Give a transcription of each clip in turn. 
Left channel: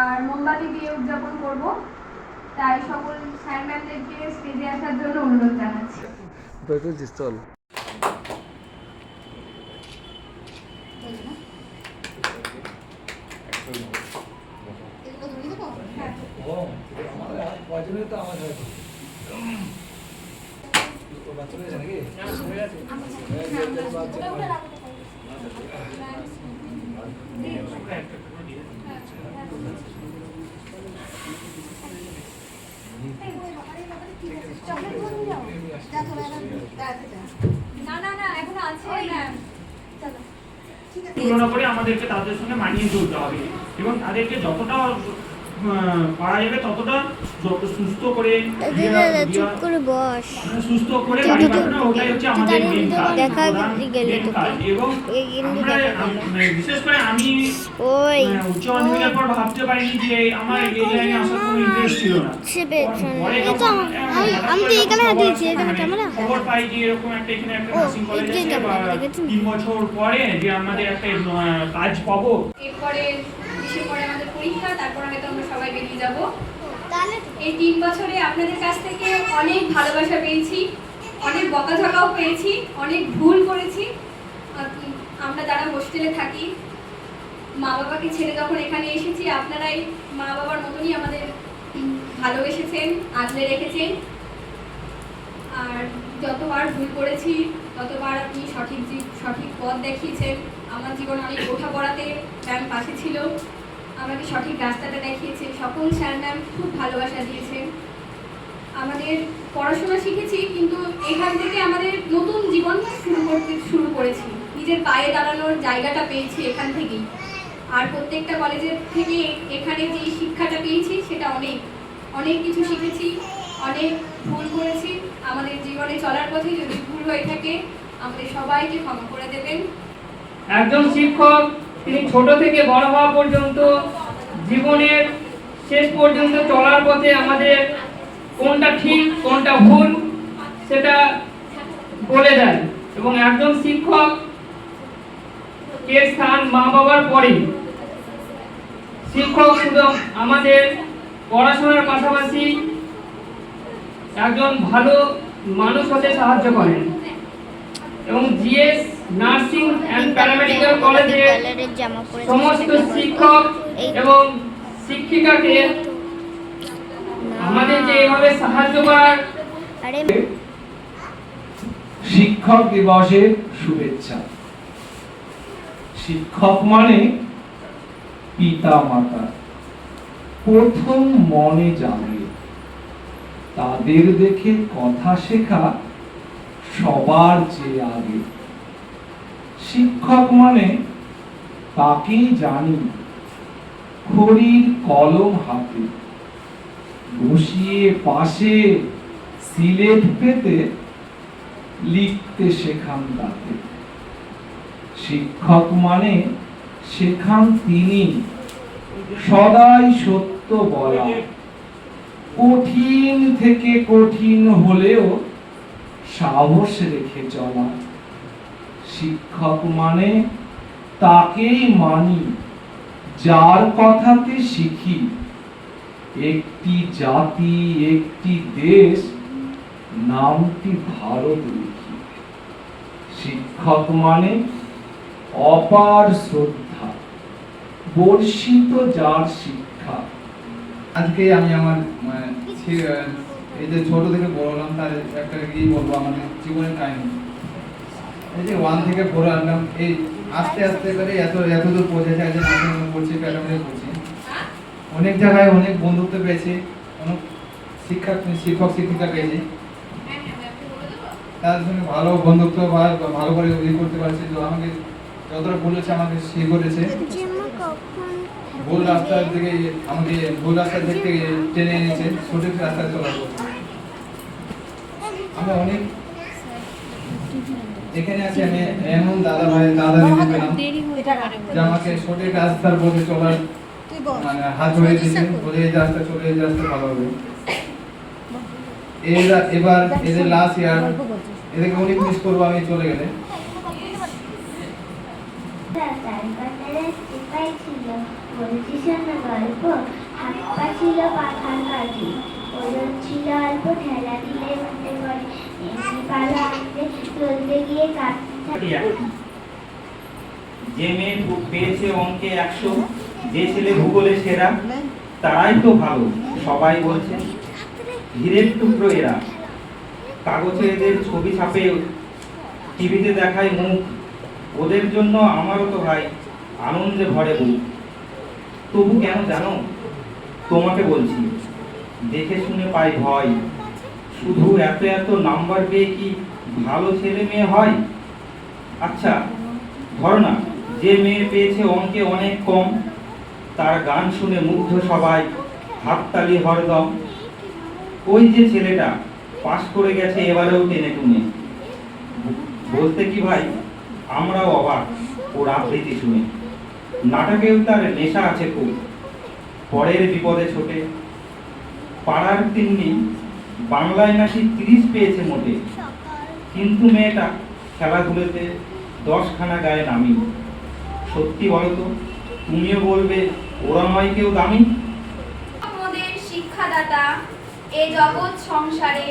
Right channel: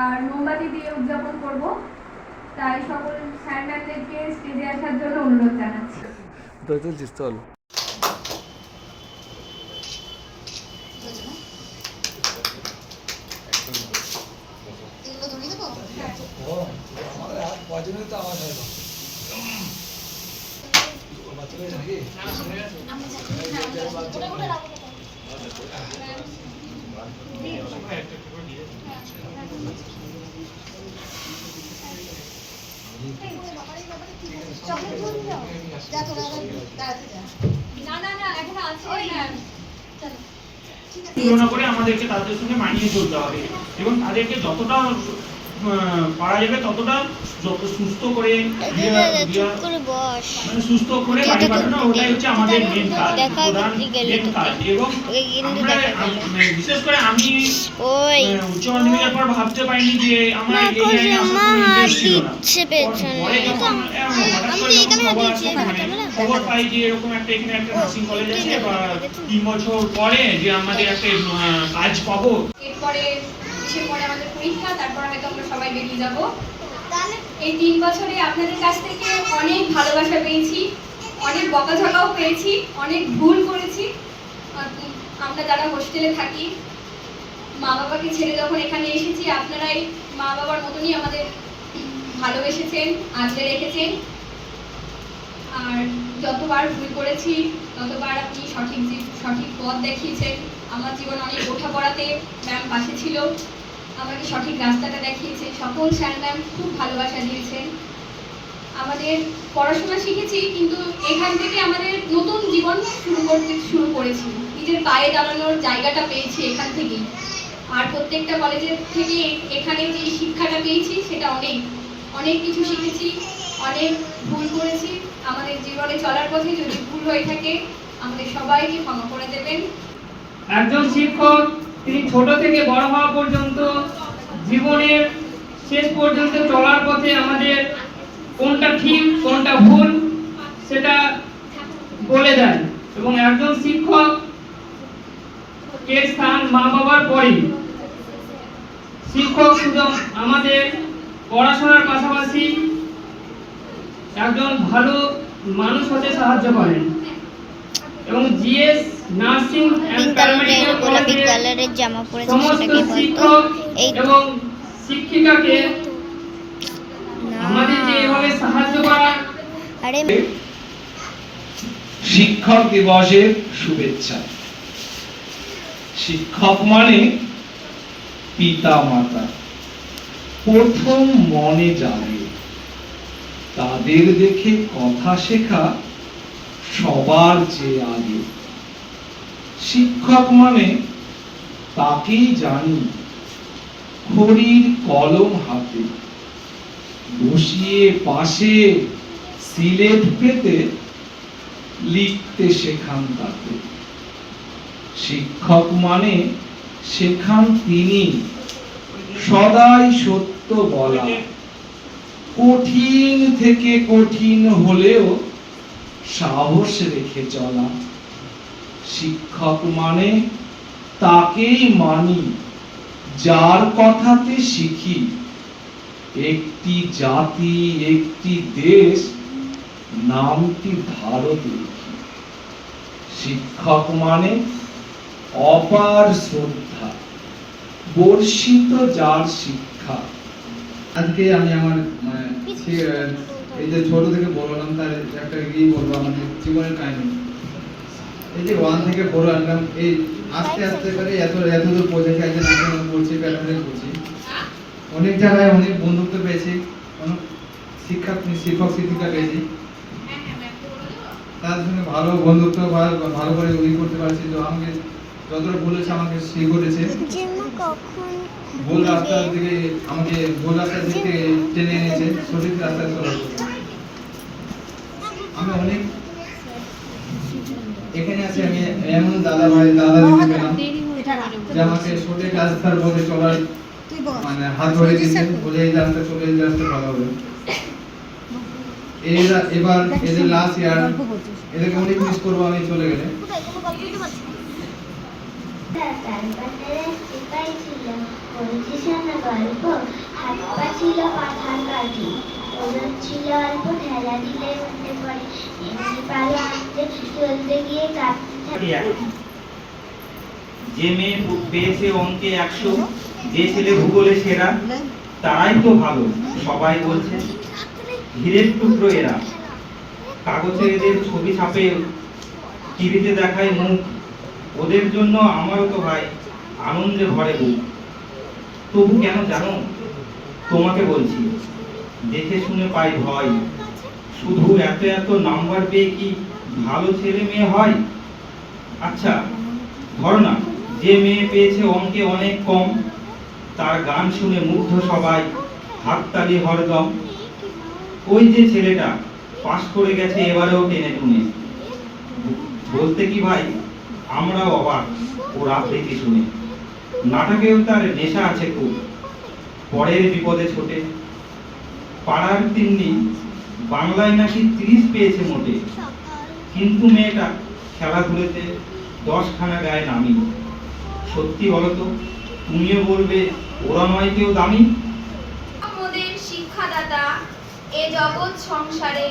আর মোমবাতি দিয়ে উদযাপন করব। তাই সকল স্যার ম্যামদেরকে স্টেজে আসার জন্য অনুরোধ জানাচ্ছি। চল তুলনা করে আমাদেরকে তাদের সঙ্গে মানিয়ে চলতে হবে এবং তাদেরকে যতটা পারা যাবে ততটা যত সুস্থ করে সুস্থ করে বাড়ি পাঠানো, ওটাই হচ্ছে আমাদের মেন কাজ এবং বিশেষ করে আমি উচ্চ মাধ্যমিকের পর ভাবতে পারিনি যে আমার এই লাইনে আসার কোনো ইন্টারেস্ট ছিল না। খবর পাই যে এরকম একটা এখানে একটা নার্সিং কলেজ আছে বা 3 বছর পরে যে আমাদের একটা কাজ পাবো। এরপরে ডিসেম্বরে আমাদের পরীক্ষা, তারপর হয়তো আমরা সবাই বেরিয়ে যাব। এই 3 বছরে আপনাদের কাছ থেকে অনেক ভালোবাসা পেয়েছি, অনেক বকাঝকাও পেয়েছি, অনেক ভুল করেছি। আমরা যারা হোস্টেলে থাকি, মা বাবাকে ছেড়ে যখন এখানে এসেছি, আপনারাই মা বাবার মতনই আমাদের ভালোবেসেছেন, আগলে রেখেছেন। আর যতবার ভুল করেছি ততবার আপনি সঠিক পথ দেখিয়েছেন। আমার জীবন অনেক ওঠাপড়াতে ম্যাম পাশে ছিল, আমাকে সঠিক রাস্তাটা দেখিয়েছে। সকল স্যার ম্যাম খুব ভালোবাসা দিয়েছেন। আমাদের পড়াশোনা শিখেছি, কিন্তু এখান থেকে আমাদের নতুন জীবন শুরু করেছি। নিজের পায়ে দাঁড়ানোর জায়গাটা পেয়েছি এখান থেকেই। আর প্রত্যেকটা কলেজের থেকে এখানে যে শিক্ষাটা পেয়েছি সেটা অনেক কিছু শিখেছি, অনেক ভুল করেছি। আমাদের জীবনে চলার পথে যদি ভুল হয়ে থাকে আমাদের সবাইকে ক্ষমা করে দেবেন। একজন শিক্ষক তিনি ছোট থেকে বড় হওয়া পর্যন্ত জীবনের শেষ পর্যন্ত চলার পথে আমাদের কোনটা ঠিক কোনটা ভুল সেটা বলে দেয় এবং একজন শিক্ষক এর স্থান মা বাবার পরে। শিক্ষক শুধু আমাদের পড়াশোনার পাশাপাশি একজন ভালো মানুষ হতে সাহায্য করেন এবং জিএস নার্সিং এন্ড প্যারামেডিক্যাল কলেজের জামা পরে সমস্ত শিক্ষক এবং শিক্ষিকাকে আমাদের যে এভাবে সাহায্য করার শিক্ষক দিবসের শুভেচ্ছা। শিক্ষক মানে পিতা মাতা, প্রথম মনে জানে তাদের দেখে কথা শেখা সবার চেয়ে আগে। শিক্ষক মানে তাকেই জানি খড়ির কলম হাতে বসিয়ে পাশে সিলেট পেতে লিখতে শেখান তাকে। শিক্ষক মানে শেখান তিনি সদাই সত্য বলা, কঠিন থেকে কঠিন হলেও সাহস রেখে চলা। শিক্ষক মানে তাকেই মানি যার কথাতে শিখি একটি জাতি একটি দেশ নামটি ভারত লিখি। শিক্ষক মানে অপার শ্রদ্ধা বর্ষিত যার শিক্ষা। আজকে আমি আমার এই যে ছোট থেকে বড় হলাম তার একটা কি বলবো আমাদের জীবনের কাহিনী। এই যে 1 থেকে 4 আনলাম, এই আস্তে আস্তে করে এত দূর পৌঁছেছে। যে নার্সিং পড়ছি, প্যারামেডিক্যাল পড়ছি, অনেক জায়গায় অনেক বন্ধুত্ব পেয়েছি, অনেক শিক্ষক শিক্ষিকা পেয়েছি। তার সঙ্গে ভালো বন্ধুত্ব ভালো করে তৈরি করতে পারছি। তো আমাকে যতটা বলেছে আমাকে সে করেছে। ভুল রাস্তার দিকে আমাকে টেনে এনেছে, সঠিক রাস্তায় চলার জন্য। আমি অনেক এখানে আছি, আমি এমন দাদা দিদি পেলাম যে আমাকে সঠিক রাস্তার পথে চলার মানে হাত ধরে দিয়েছে, বলে এই রাস্তা চলে, এই রাস্তা ভালো হবে। এবার এদের লাস্ট ইয়ার, এদেরকে অনেক মিস করবো আমি চলে গেলে। তালপাতার সিপাই ছিল, বলছি শোনো গল্প। হাত পা ছিল পাখার কাঠি, ওজন ছিল অল্প, ঠেলা দিলে উঠে পড়ে। এমনি পালো আনতে চলতে গিয়ে কাঁপতে যে মেয়ে পেয়েছে অঙ্কে 100, যে ছেলে ভূগোলে সেরা, তারাই তো ভালো সবাই বলছে। হীরের টুকরো এরা, কাগজে এদের ছবি ছাপে, টিভিতে দেখায় মুখ। ওদের জন্য আমারও তো ভাই আনন্দে ভরে বুক। তবু কেন জানো, তোমাকে বলছি, দেখে শুনে পাই ভয়। শুধু এত এত নাম্বার পেয়ে কি ভালো ছেলে মেয়ে হয়? আচ্ছা ধর না, যে মেয়ে পেয়েছে অঙ্কে অনেক কম, তার গান শুনে মুগ্ধ সবাই, হাততালি হরদম। ওই যে ছেলেটা পাশ করে গেছে এবারেও টেনে টুনে। বলতে কি ভাই, আমরাও অবাক ওর আবৃত্তি শুনে। নাটকেও তার নেশা আছে খুব, পরের বিপদে ছোটে। পাড়ার তিন্নি বাংলায় নাকি 30 পেয়েছে মোটে, কিন্তু মেয়েটা খেলাধুলোতে 10খানা গায়ে নামি। সত্যি বলো তো, তুমিও বলবে ওরা নয় কেউ দামি? আমাদের শিক্ষাদাতা এ জগৎ সংসারে,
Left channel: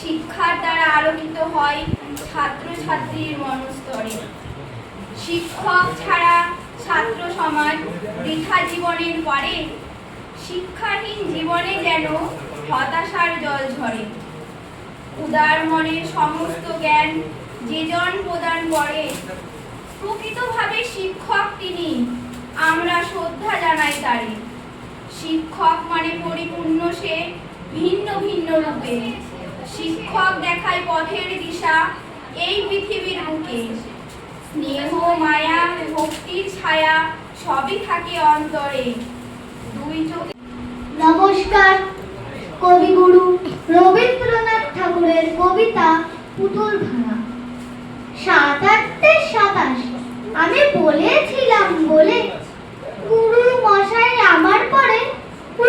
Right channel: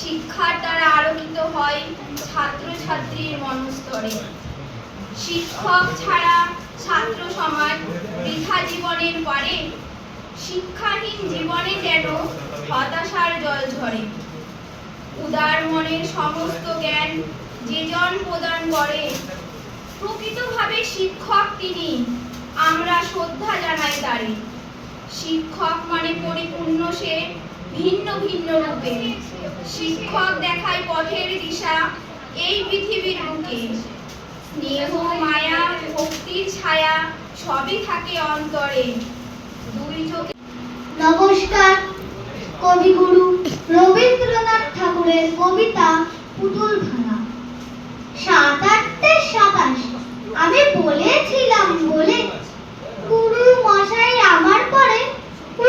শিক্ষার দ্বারা আলোকিত হয় ছাত্র ছাত্রীর মনস্তরে। শিক্ষক ছাড়া ছাত্র সমাজ বৃথা জীবনের পরে, শিক্ষাহীন জীবনে যেন হতাশার জল ঝরে। উদার মনের সমস্ত জ্ঞান যেজন প্রদান করে, প্রকৃতভাবে শিক্ষক তিনি, আমরা শ্রদ্ধা জানাই তারে। শিক্ষক মানে পরিপূর্ণ সে ভিন্ন ভিন্ন রূপে, শিক্ষক দেখায় পথের দিশা এই পৃথিবীর বুকে। স্নেহ মায়া ভক্তির ছায়া সবই থাকে অন্তরে, দুই চোখে। নমস্কার। কবিগুরু রবীন্দ্রনাথ ঠাকুরের কবিতা পুতুল ভাঙা। 7-8-27 আমি বলেছিলাম বলে গুরু মশাই আমার পরে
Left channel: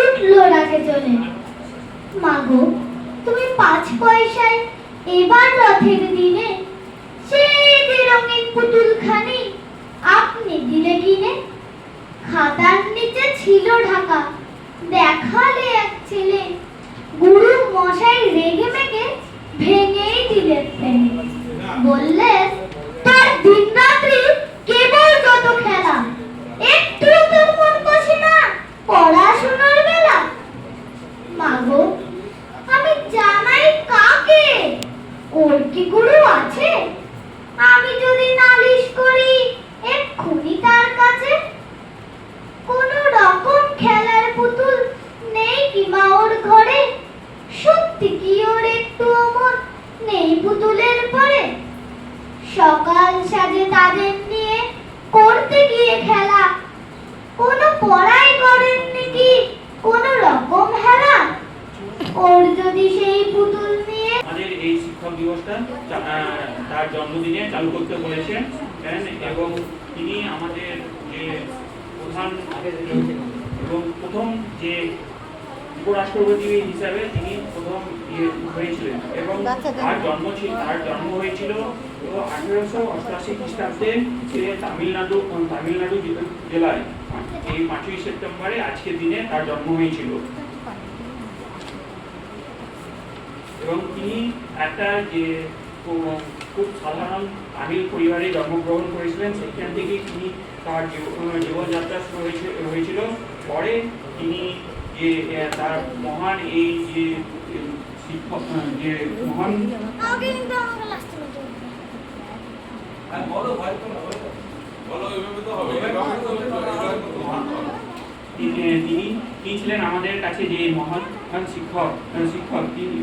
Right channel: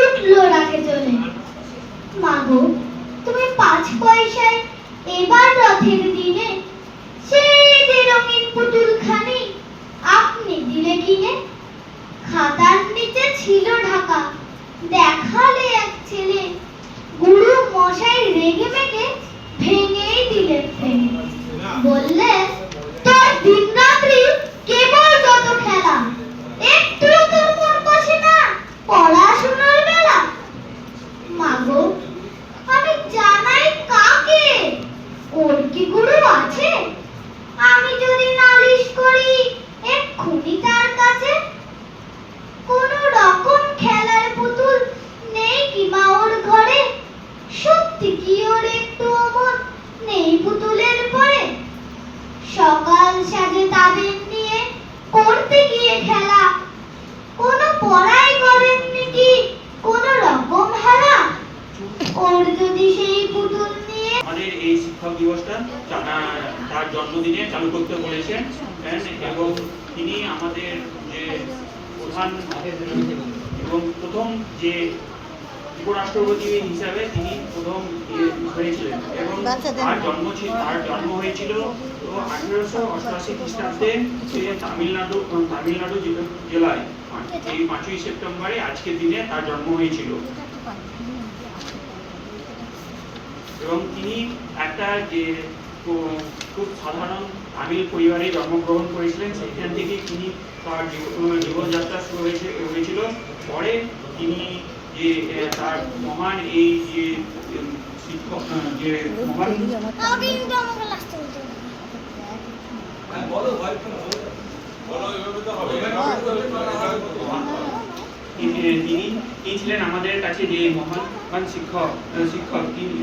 উঠলো রাগে চলে। মাগো তুমি 5 পয়সায় এবার রথের দিনে সেই যে রঙিন পুতুলখানি আপনি দিলে কিনে। খাতার নিচে ছিল ঢাকা, দেখালে এক ছেলে, গুরু মশাই রেগে মেগে ভেঙেই দিলেন ফেলে। বললেন তোর দিন রাত্রি কেবল যত খেলা, একটু তোর মন বসে না পড়াশোনার বেলা। মাগো আমি জানাই কাকে, ওর কি গুরু আছে? আমি যদি নালিশ করি এক্ষুনি তার কাছে। কোন রকম খেলার পুতুল নেই কি মা ওর ঘরে? সত্যি কি ওর একটু অমন নেই পুতুলের পরে? সকাল সাজে তাদের নিয়ে করতে গিয়ে খেলা, কোন পড়াই করেননি কি কোন রকম হেলা? ওর যদি সেই পুতুল নিয়ে আমাদের এই শিক্ষক দিবসটা তার জন্মদিনে চালু করতে বলেছেন, এবং তিনি আমাদের যে প্রধান এবং প্রথম যে উপরাষ্ট্রপতি হিসাবে তিনি প্রথম হয়েছিলেন, এবং তার জন্ম হয়েছিল 1888 খ্রিস্টাব্দে তামিলনাড়ু জেলায়। এই 5ই সেপ্টেম্বরে আজকের দিনে তার জন্ম হয়েছিল। এবং তিনি একটা যে খুব সাধারণ তামিল পরিবারে জন্মগ্রহণ করেছিলেন, সেখান থেকে তিনি তার জীবনযাত্রা শুরু হয়েছিল। পরে তিনি যে তার মহান এই যে শিক্ষক যে মহান তিনি ছিলেন আমাদের কাছে যে মহান শিক্ষক তিনি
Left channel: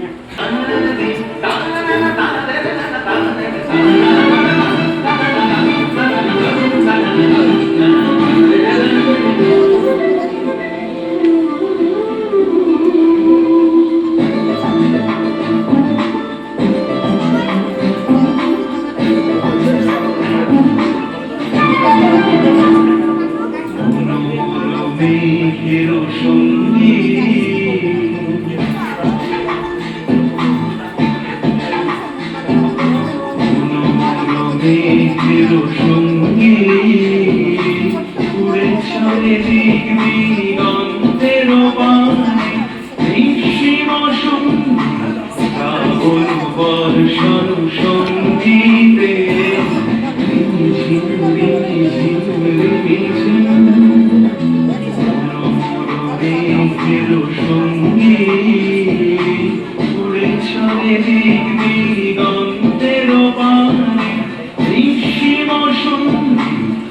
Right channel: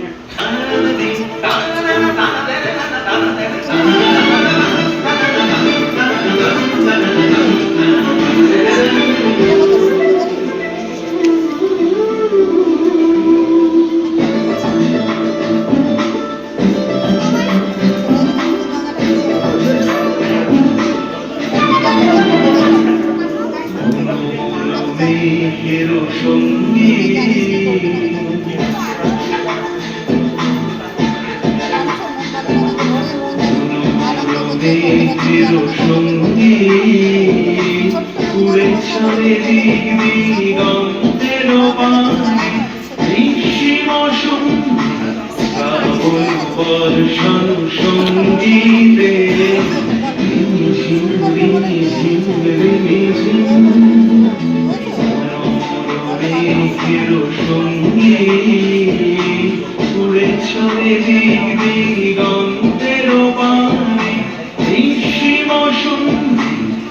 চিরসঙ্গী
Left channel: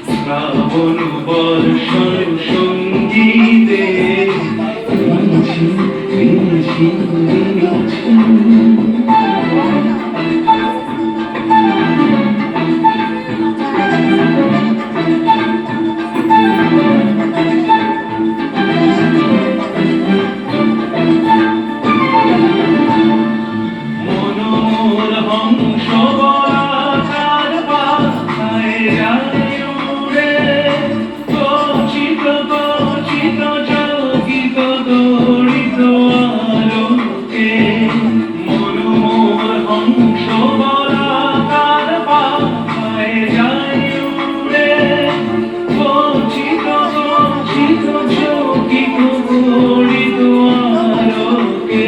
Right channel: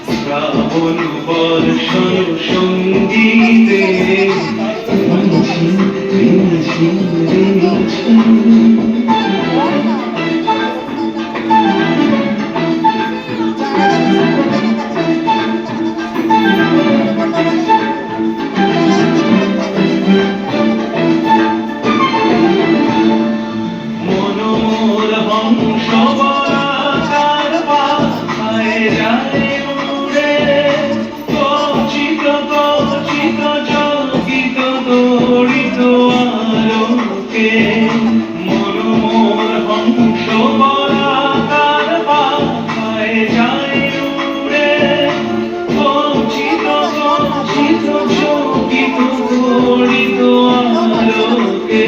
শ্রাবণ বর্ষণ সঙ্গীতে মনোর হংস বলাকার পাখায় যায় উড়ে, কচিত কচিত চকিত দড়িত আলোকে। মনোর হংস বলাকার পাখায় যায় উড়ে, কচিত কচিত চকিত দড়িত আলোকে।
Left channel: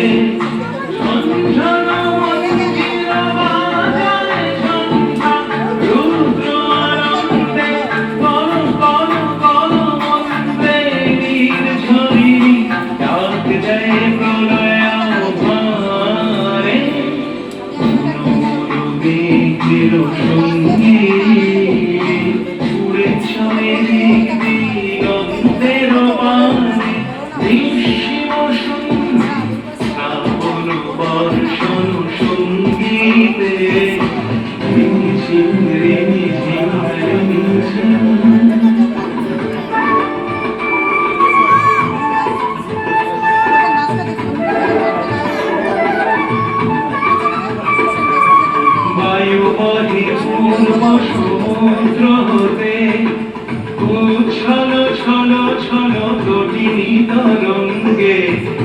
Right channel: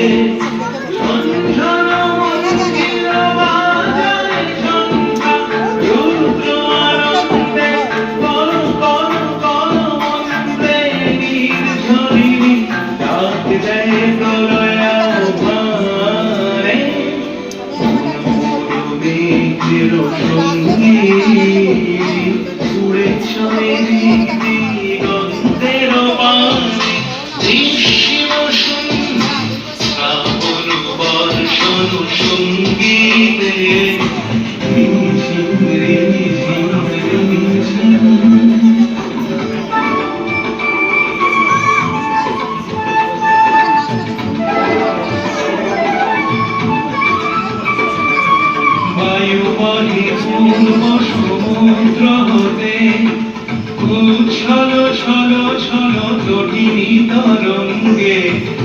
সমুদ্র হতে উচ্ছল ছল ছল তটিনী তরঙ্গে,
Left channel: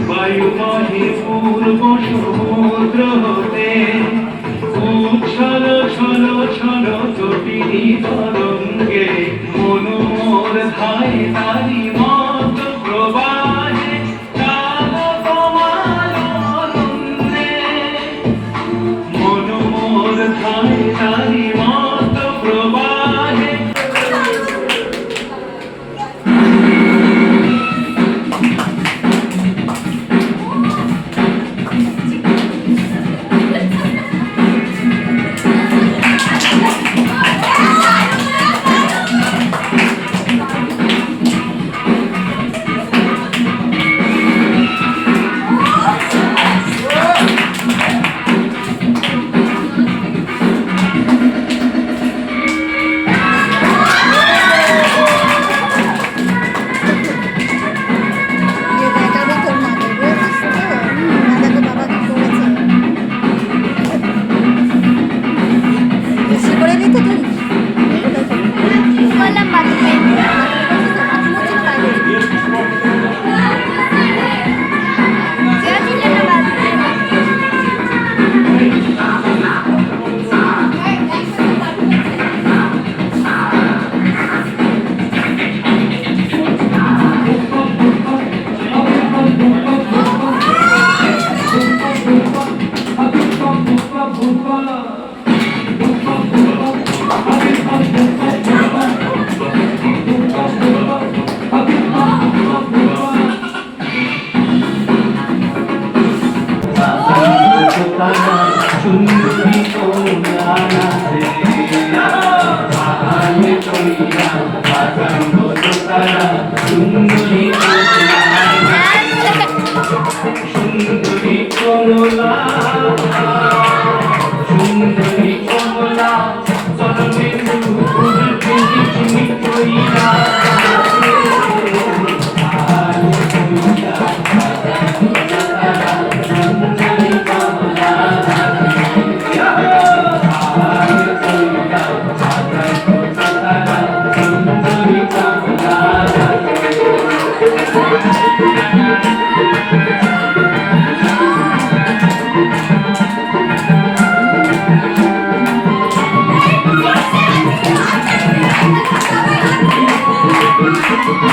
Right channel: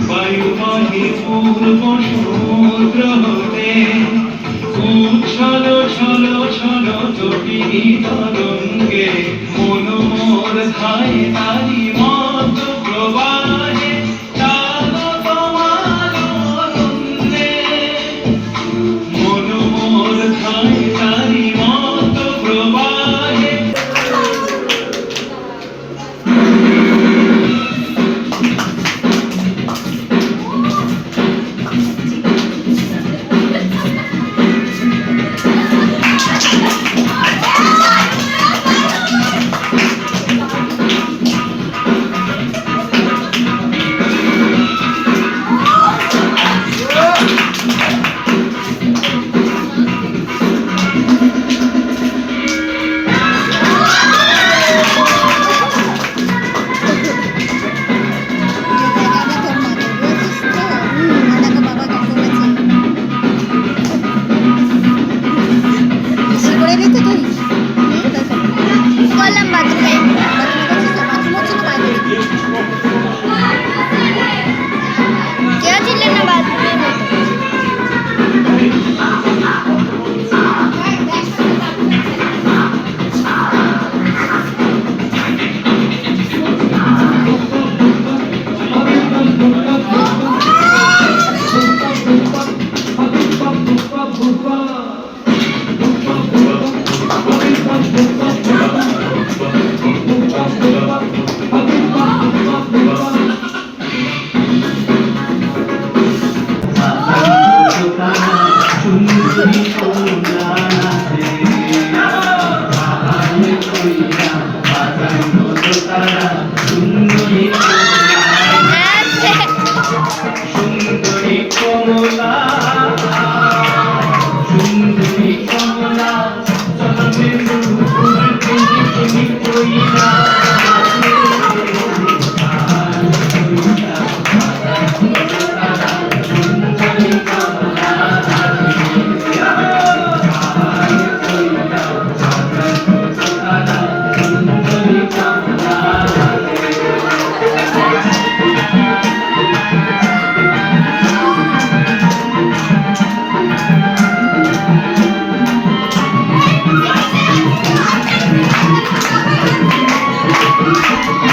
বায়ুবাহী পূর্ব সমুদ্র হতে উচ্ছল ছল ছল তটিনী তরঙ্গে। মনোর ধায় তারি মত প্রবাহে কাল তোমার অরণ্যে। মনোর ধায় তারি মত প্রবাহে। বললাম বাথরুমে বাথরুম হচ্ছে না বাইরে ছিলেন না বাথরুমে। Thank you.